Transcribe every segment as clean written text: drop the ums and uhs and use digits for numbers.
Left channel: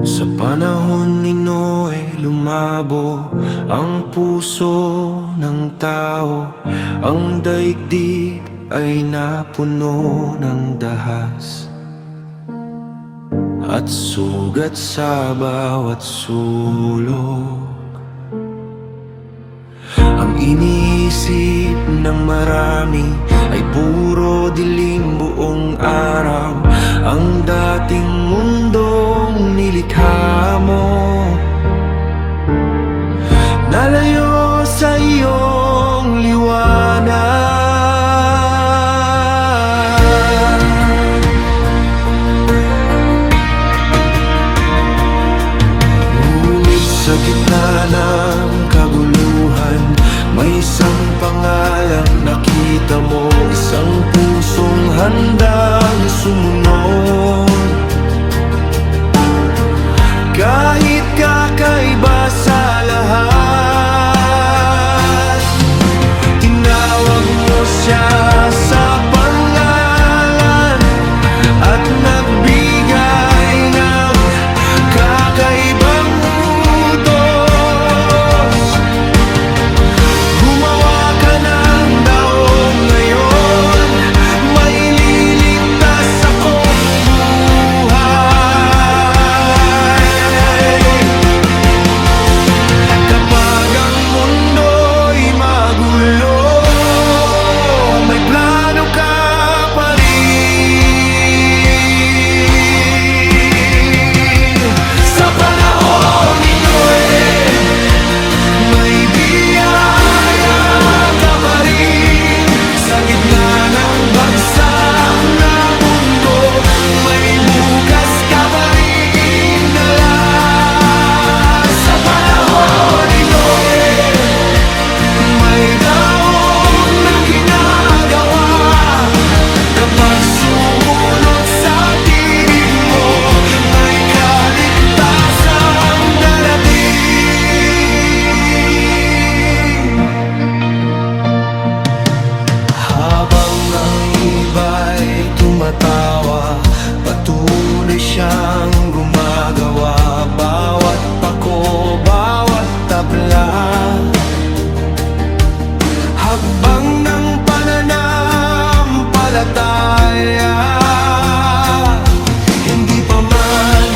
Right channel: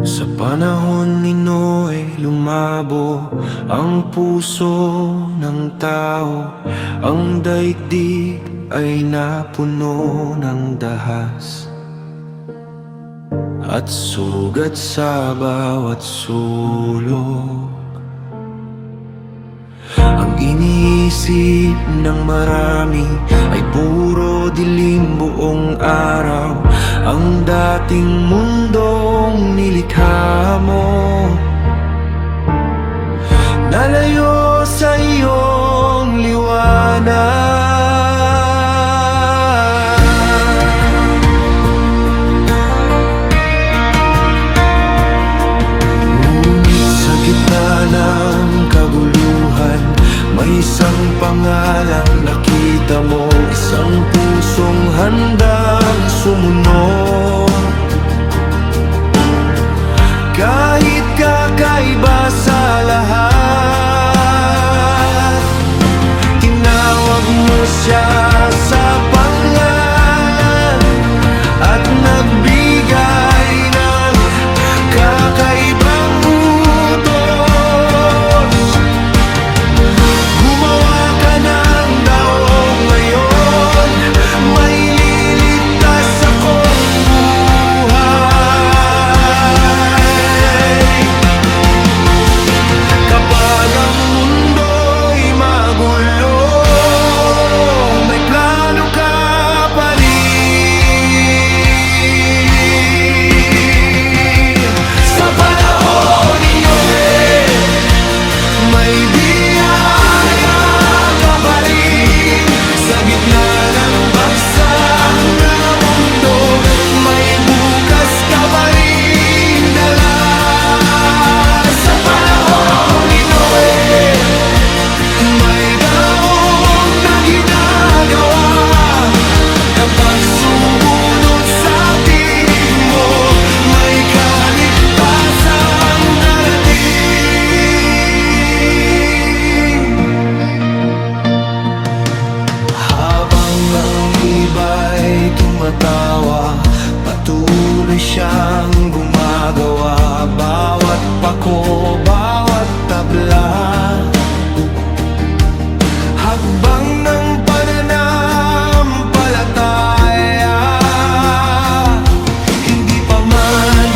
Sa panahon ni Noe, lumabo ang puso ng tao. Ang daigdig ay napuno ng dahas at sugat sa bawat sulok. Ang iniisip ng marami ay puro dilim buong araw. Ang dating mundong nilikha mo, nalayo sa iyong liwanag. Ngunit sa gitna ng kaguluhan, may isang pangalang nakita mo, isang pusong handang sumunod. Kahit kakaiba sa lahat, tinawag mo siya sa pangalan at nagbigay ng kakaibang utos. Gumawa ka ng daong ngayon, may liligtas akong buhay. Kapag ang mundo'y magulo, may plano ka pa rin. Sa panahon ni Noe, may biyaya ka pa rin. Sa gitna ng bagsak na mundo, may bukas ka pa rin dala. Sa panahon ni Noe, may daong na ginagawa. Kapag sumunod sa tinig mo, may kaligtasang darating. Habang ang iba'y tumatawa, patuloy siyang gumagawa. Bawat pako, bawat tabla, hakbang ng pananampalataya. Hindi pa man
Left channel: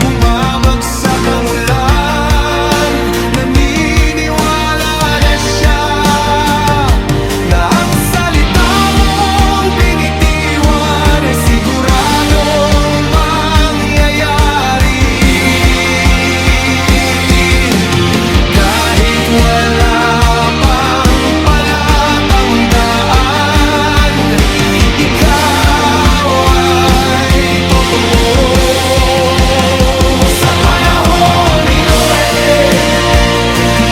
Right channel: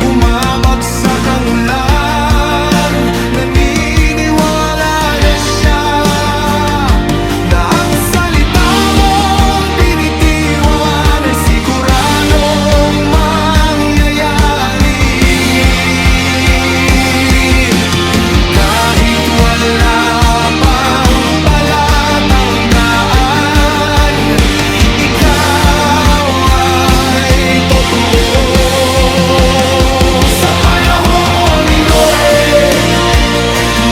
bumabagsak ang ulan, naniniwala na siya na ang salita mong binitiwan ay siguradong mangyayari. Kahit wala pang palatandaan, ikaw ay totoo. Sa panahon ni Noe,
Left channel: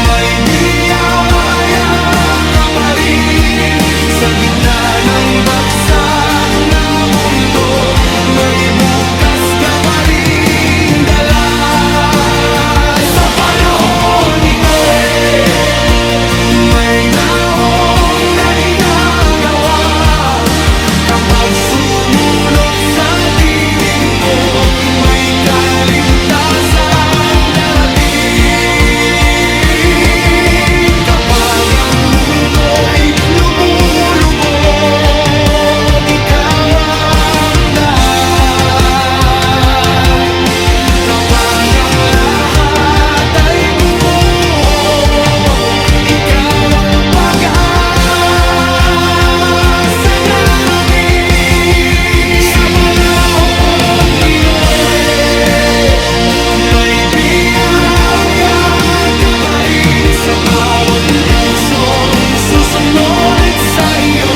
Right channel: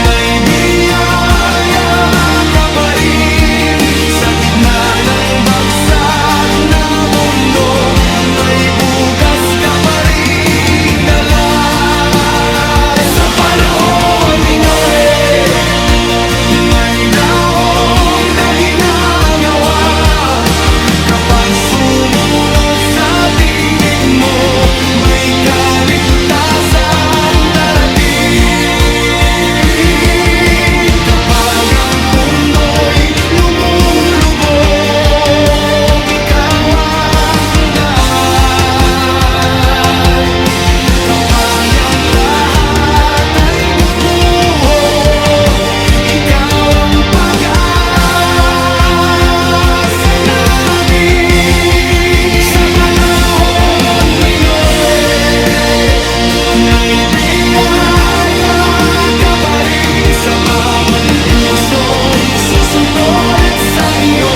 may biyaya ka pa rin. Sa gitna ng bagsak na mundo, may bukas ka pa rin dala. Sa panahon ni Noe, may daong na ginagawa. Kapag sumunod sa tinig mo, may kaligtasang darating. Kapag ang mundo'y lumulubog, ikaw ang daan. Kapag ang lahat ay gumuho, ikaw ang pag-asa namin. Sa panahon ni Noe, may biyaya ka pa rin. Sa bawat pusong susunod at sa iyo,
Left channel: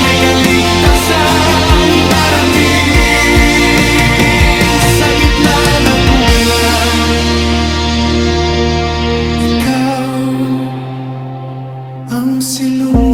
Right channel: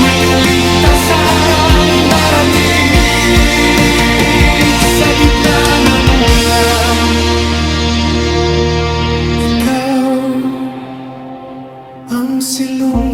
may kaligtasang darating. Sa gitna ng ulan, ikaw ang silong